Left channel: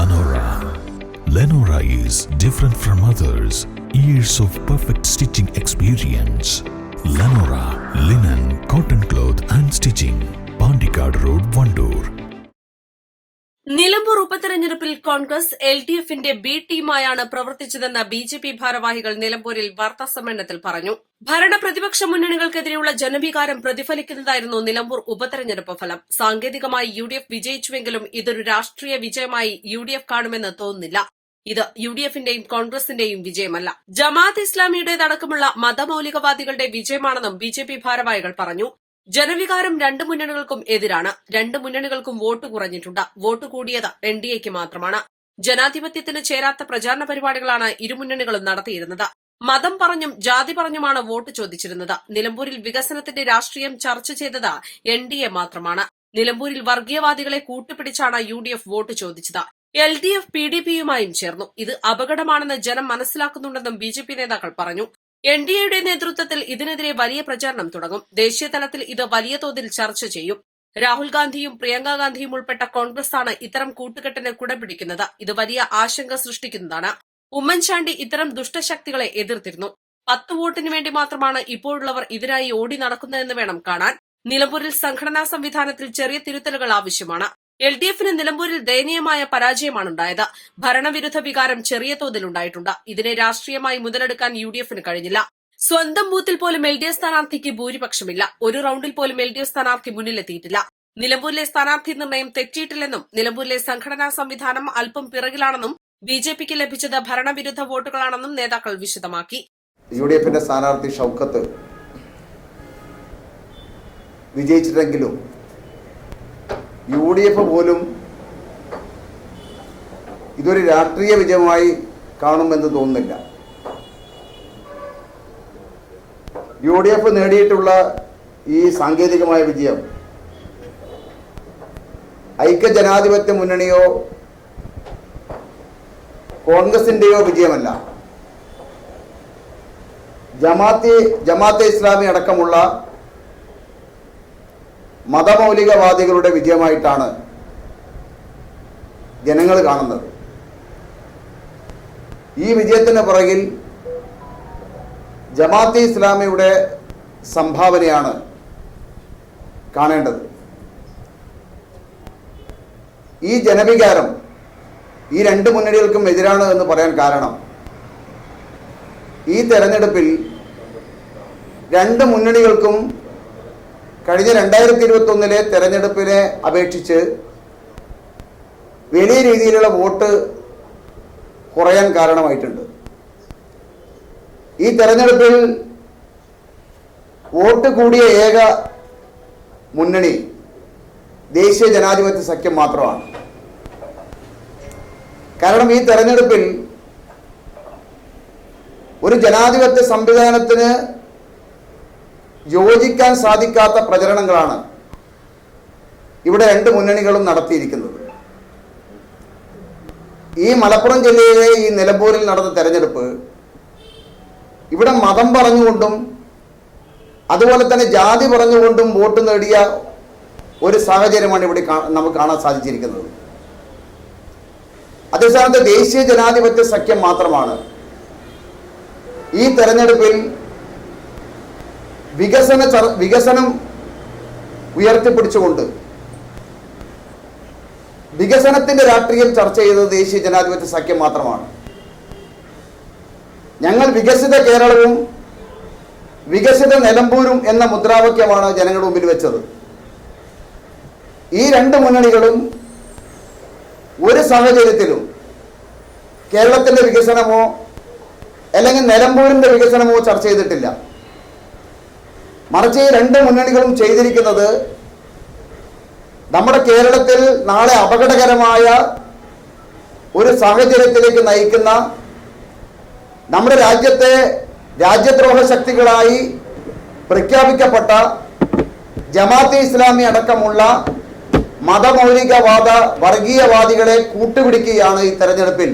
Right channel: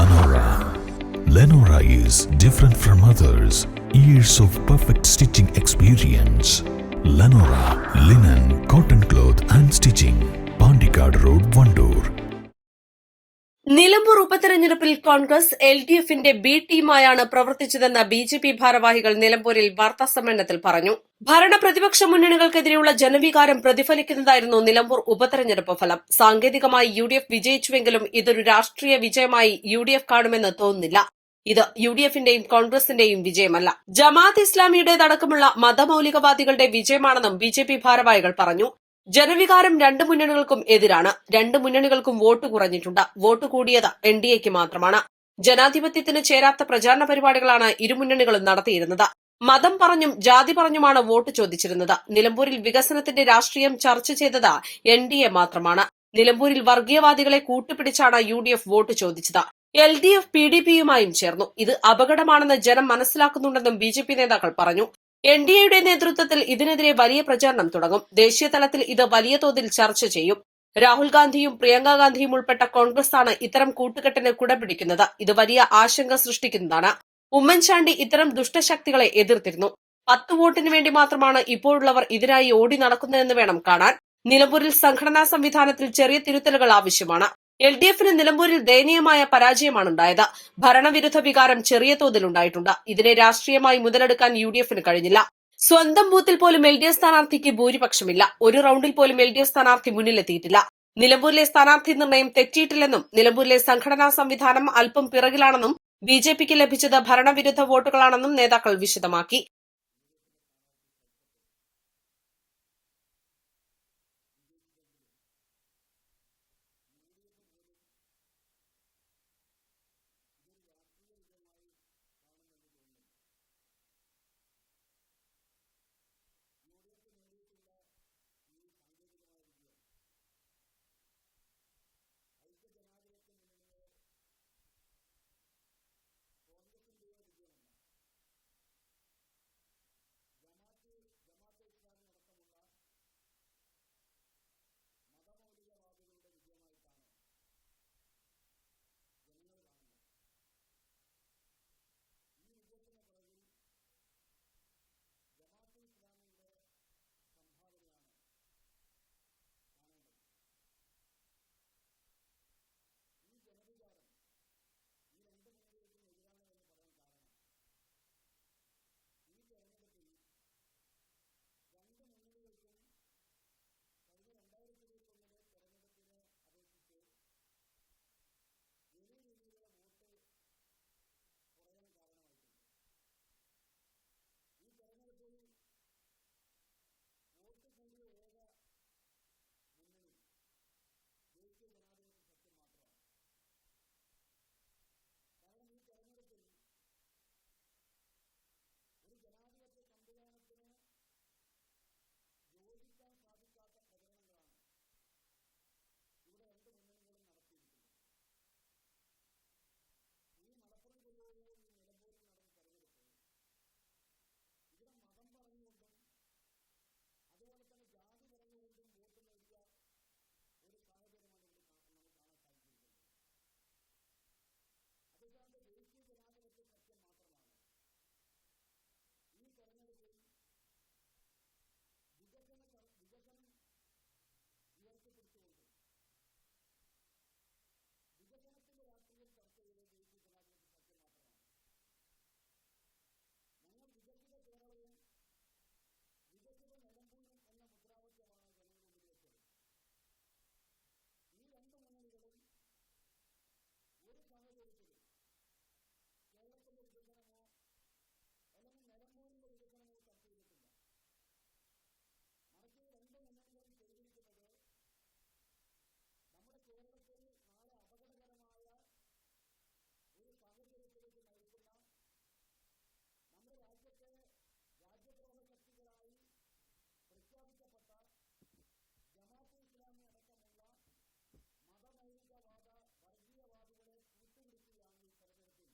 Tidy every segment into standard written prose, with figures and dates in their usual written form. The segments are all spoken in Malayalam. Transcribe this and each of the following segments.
Lenora. Lenora is different from others. Years of perfect stitching experience. Lenora linen, cotton cloth and stitching. Pandikad Road, Vandoor. Nilambur ഉപതെരഞ്ഞെടുപ്പിൽ കോൺഗ്രസ് LDFന്റെ ബി ടീമായാണ് പ്രവർത്തിച്ചതെന്ന് BJP ഭാരവാഹികൾ നിലമ്പൂരിൽ വാർത്താസമ്മേളനത്തിൽ പറഞ്ഞു. ഭരണ പ്രതിപക്ഷ മുന്നണികൾക്കെതിരെയുള്ള ജനവികാരം പ്രതിഫലിക്കുന്നതായിരുന്നു നിലമ്പൂർ ഉപതെരഞ്ഞെടുപ്പ് ഫലം. സാങ്കേതികമായി UDF വിജയിച്ചുവെങ്കിലും ഇതൊരു രാഷ്ട്രീയ വിജയമായി UDF കാണുമെന്ന് തോന്നുന്നില്ല. ഇത് UDFന്റെയും കോൺഗ്രസിന്റെയും വിജയമല്ല, ജമാഅത്ത് ഇസ്ലാമിയുടേതടക്കമുള്ള മതമൌലികവാദികളുടെ വിജയമാണെന്നും BJP ഭാരവാഹികൾ പറഞ്ഞു. ജനവികാരം രണ്ട് മുന്നണികൾക്കും എതിരാണ്. രണ്ട് മുന്നണികൾക്കും വോട്ട് കുറഞ്ഞിട്ടുണ്ട്. വോട്ട് കൂടിയത് NDAക്ക് മാത്രമാണ്. ജനാധിപത്യത്തിന് ചേരാത്ത പ്രചാരണ പരിപാടികളാണ് ഇരുമുന്നണികളും നടത്തിയിരുന്നത്. മതം പറഞ്ഞും ജാതി പറഞ്ഞുമാണ് വോട്ട് ചോദിച്ചിരുന്നത്. നിലമ്പൂരിൽ വികസനത്തിന്റെ രാഷ്ട്രീയം ചർച്ച ചെയ്തത് NDA മാത്രമാണ്. നിലമ്പൂരിൽ വർഗീയവാദികളെ കൂട്ടുപിടിച്ചാണ് UDF വോട്ട് ചോദിച്ചത്. LDF PDPയുമായും ചേർന്നു. ഇത് അപകടമാണെന്ന് ജനം മനസ്സിലാക്കുന്നുണ്ടെന്നും BJP നേതാക്കൾ പറഞ്ഞു. NDAയുടെ നേതൃത്വത്തിൽ ഇതിനെതിരെ വലിയ പ്രചാരണം തുടങ്ങും. ദേശീയ തലത്തിൽ ഇത് വലിയ തോതിൽ ചർച്ച ചെയ്യും. രാഹുൽ ഗാന്ധിയും പ്രിയങ്ക ഗാന്ധിയും ഉൾപ്പെട്ട കോൺഗ്രസാണ് ഇത്തരം കൂട്ടുകെട്ടിന് കുടപിടിക്കുന്നത്. ഇത് വലിയ ആശങ്ക സൃഷ്ടിക്കുന്നതാണ്. ഉമ്മൻചാണ്ടി ഇത്തരം ദുഷ്ടശക്തികളെ എതിർത്തിരുന്നു. 10 വോട്ടിന് വേണ്ടി മാത്രമാണ് ഇപ്പോഴുള്ളവർ ഇതിനായി ഓടി നടക്കുന്നതെന്ന് വേണം കാണാൻ. നിലമ്പൂരിൽ സംഘടനാ സംവിധാനത്തിൽ ചെറിയ തിരുത്തലുകൾ ആവശ്യമാണ്. LDFന് നിലമ്പൂരിൽ ദയനീയമായ പരാജയമാണുണ്ടായത്. ഭരണവിരുദ്ധ വികാരം ചെറിയ തോതിലുണ്ടായിട്ടുണ്ട്. ഇതിനെ രാഷ്ട്രീയമായി മുതലെടുക്കാൻ UDFന് കഴിഞ്ഞില്ല. സ്വന്തം ബൂത്തിൽ പോലും LDF സ്ഥാനാർത്ഥിക്ക് ഭൂരിപക്ഷമില്ല. ഒരു റൌണ്ടിൽ പോലും LDF സ്ഥാനാർത്ഥി മുന്നിലെത്തിയിട്ടില്ല. നിലമ്പൂരിലെ സ്ഥാനാർത്ഥി നിർണയം തെറ്റിയിട്ടില്ലെന്നും നിലമ്പൂരിലെ സംഘടനാ സംവിധാനം അല്പം പിറകിലാണെന്നും BJPക്ക് ലഭിച്ചത് ഭരണവിരുദ്ധ വോട്ടുകളാണെന്നും നേതാക്കൾ വിശദമാക്കി. UDFന്റെ സ്ഥാനാർത്ഥി ഷൌക്കത്ത് വിജയിച്ചിട്ടെങ്കിലും UDF പോലും ഇതൊരു രാഷ്ട്രീയ വിജയമായി കാണുമെന്ന് തോന്നുന്നില്ല. UDF നേടിയിട്ടുള്ള ഈ സാങ്കേതികമായ വിജയം ഐക്യജനാധിപത്യ മുന്നണിയോ കോൺഗ്രസിന്റെയോ വിജയമല്ല, ജമാഅത്തെ ഇസ്ലാമി അടക്കമുള്ള മതമൌലികവാദികളുടെ വിജയമായിട്ടാണ് ജനങ്ങൾ കാണുന്നത്. ഈ വിജയത്തിന് പുറകിൽ ജമാഅത്തെ ഇസ്ലാമിയുടെ സംഭാവനയാണ് കാണേണ്ടത്. ഈ ജനവികാരം ഈ രണ്ട് മുന്നണികൾക്കും എതിരാണ് എന്ന് പറയാൻ കാരണം, ഈ തെരഞ്ഞെടുപ്പിൽ രണ്ട് മുന്നണികൾക്കും കഴിഞ്ഞ 2021 തെരഞ്ഞെടുപ്പിനെ അപേക്ഷിച്ച് വലിയ രീതിയിലുള്ള വോട്ട് കുറയാൻ കാരണമായിട്ടുണ്ട്. ഈ തെരഞ്ഞെടുപ്പിൽ വോട്ട് കൂടിയ ഏക മുന്നണി ദേശീയ ജനാധിപത്യ സഖ്യം മാത്രമാണ്. കാരണം ഈ തെരഞ്ഞെടുപ്പിൽ ഒരു ജനാധിപത്യ സംവിധാനത്തിന് യോജിക്കാൻ സാധിക്കാത്ത പ്രചരണങ്ങളാണ് ഇവിടെ രണ്ട് മുന്നണികളും നടത്തിയിരിക്കുന്നത്. ഈ മലപ്പുറം ജില്ലയിലെ ഈ നിലമ്പൂരിൽ നടന്ന തെരഞ്ഞെടുപ്പ് ഇവിടെ മതം പറഞ്ഞുകൊണ്ടും അതുപോലെ തന്നെ ജാതി പറഞ്ഞുകൊണ്ടും വോട്ട് നേടിയ ഒരു സാഹചര്യമാണ് ഇവിടെ നമുക്ക് കാണാൻ സാധിച്ചിരിക്കുന്നത്. അതേസമയത്ത് ദേശീയ ജനാധിപത്യ സഖ്യം മാത്രമാണ് ഈ തെരഞ്ഞെടുപ്പിൽ വികസനം ഉയർത്തിപ്പിടിച്ചുകൊണ്ട് വികസനത്തിന്റെ രാഷ്ട്രീയം ചർച്ച ചെയ്തത് ദേശീയ ജനാധിപത്യ സഖ്യം മാത്രമാണ്. ഞങ്ങൾ വികസിത കേരളവും വികസിത നിലമ്പൂരും എന്ന മുദ്രാവാക്യമാണ് ജനങ്ങളുടെ മുമ്പിൽ വെച്ചത്. ഈ രണ്ട് മുന്നണികളും ഒരു സാഹചര്യത്തിലും കേരളത്തിന്റെ വികസനമോ അല്ലെങ്കിൽ നിലമ്പൂരിന്റെ വികസനമോ ചർച്ച ചെയ്തിട്ടില്ല. മറിച്ച് ഈ രണ്ട് മുന്നണികളും ചെയ്തിരിക്കുന്നത് നമ്മുടെ കേരളത്തിൽ നാളെ അപകടകരമായ ഒരു സാഹചര്യത്തിലേക്ക് നയിക്കുന്ന, നമ്മുടെ രാജ്യത്തെ രാജ്യദ്രോഹ ശക്തികളായി പ്രഖ്യാപിക്കപ്പെട്ട ജമാഅത്തെ ഇസ്ലാമി അടക്കമുള്ള മതമൗലികവാദ വർഗീയവാദികളെ കൂട്ടുപിടിക്കുകയാണ് ഈ തെരഞ്ഞെടുപ്പിൽ,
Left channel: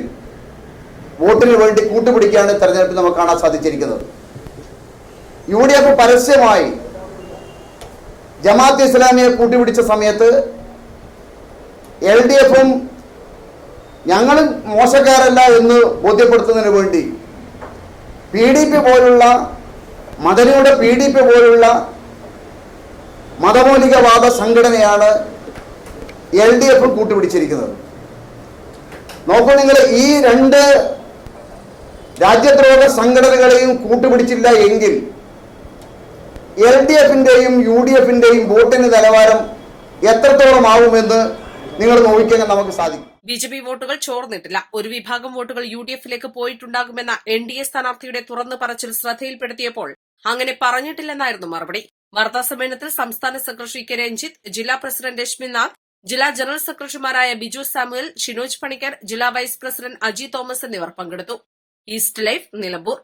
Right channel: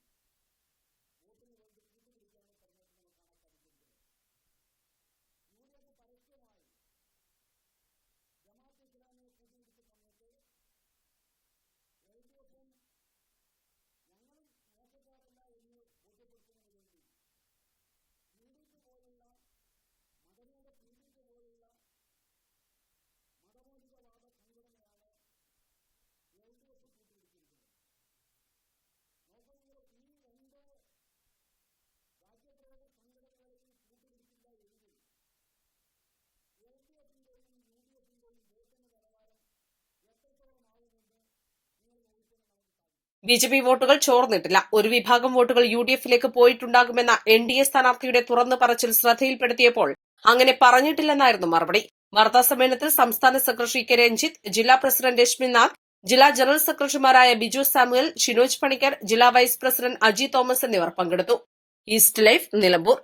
വോട്ടിന് വേണ്ടി കൂട്ടുപിടിക്കുകയാണ് ഈ തെരഞ്ഞെടുപ്പിൽ നമുക്ക് കാണാൻ സാധിച്ചിരിക്കുന്നത്. UDF പരസ്യമായി ജമാഅത്തെ ഇസ്ലാമിയെ കൂട്ടുപിടിച്ച സമയത്ത് LDFും ഞങ്ങൾ മോശക്കാരല്ല എന്ന് ബോധ്യപ്പെടുത്തുന്നതിന് വേണ്ടി PDP പോലുള്ള മദനിയുടെ PDP പോലുള്ള മതമൗലികവാദ സംഘടനയാണ് LDF കൂട്ടുപിടിച്ചിരിക്കുന്നത്. നോക്കൂ, നിങ്ങൾ ഈ രണ്ട് രാജ്യദ്രോഹ സംഘടനകളെയും കൂട്ടുപിടിച്ചില്ല എങ്കിൽ LDFന്റെയും UDFന്റെയും വോട്ടിന് നിലവാരം എത്രത്തോളം ആവുമെന്ന് നിങ്ങൾ നോക്കിക്കാൻ നമുക്ക് സാധിക്കും. BJP വോട്ടുകൾ ചോർന്നിട്ടില്ല. ഒരു വിഭാഗം വോട്ടുകൾ UDFിലേക്ക് പോയിട്ടുണ്ടാകുമെന്ന NDA സ്ഥാനാർത്ഥിയുടെ തുറന്നു പറച്ചിൽ ശ്രദ്ധയിൽപ്പെടുത്തിയപ്പോൾ അങ്ങനെ പറഞ്ഞിട്ടില്ലെന്നായിരുന്നു മറുപടി. വാർത്താസമ്മേളനത്തിൽ സംസ്ഥാന സെക്രട്ടറി കെ രഞ്ജിത്ത്, ജില്ലാ പ്രസിഡന്റ് രശ്മിനാഥ്, ജില്ലാ ജനറൽ സെക്രട്ടറിമാരായ ബിജു സാമുവൽ, ഷിനോജ് പണിക്കർ, ജില്ലാ വൈസ് പ്രസിഡന്റ് അജി തോമസ് എന്നിവർ പങ്കെടുത്തു. East life, Nilambur.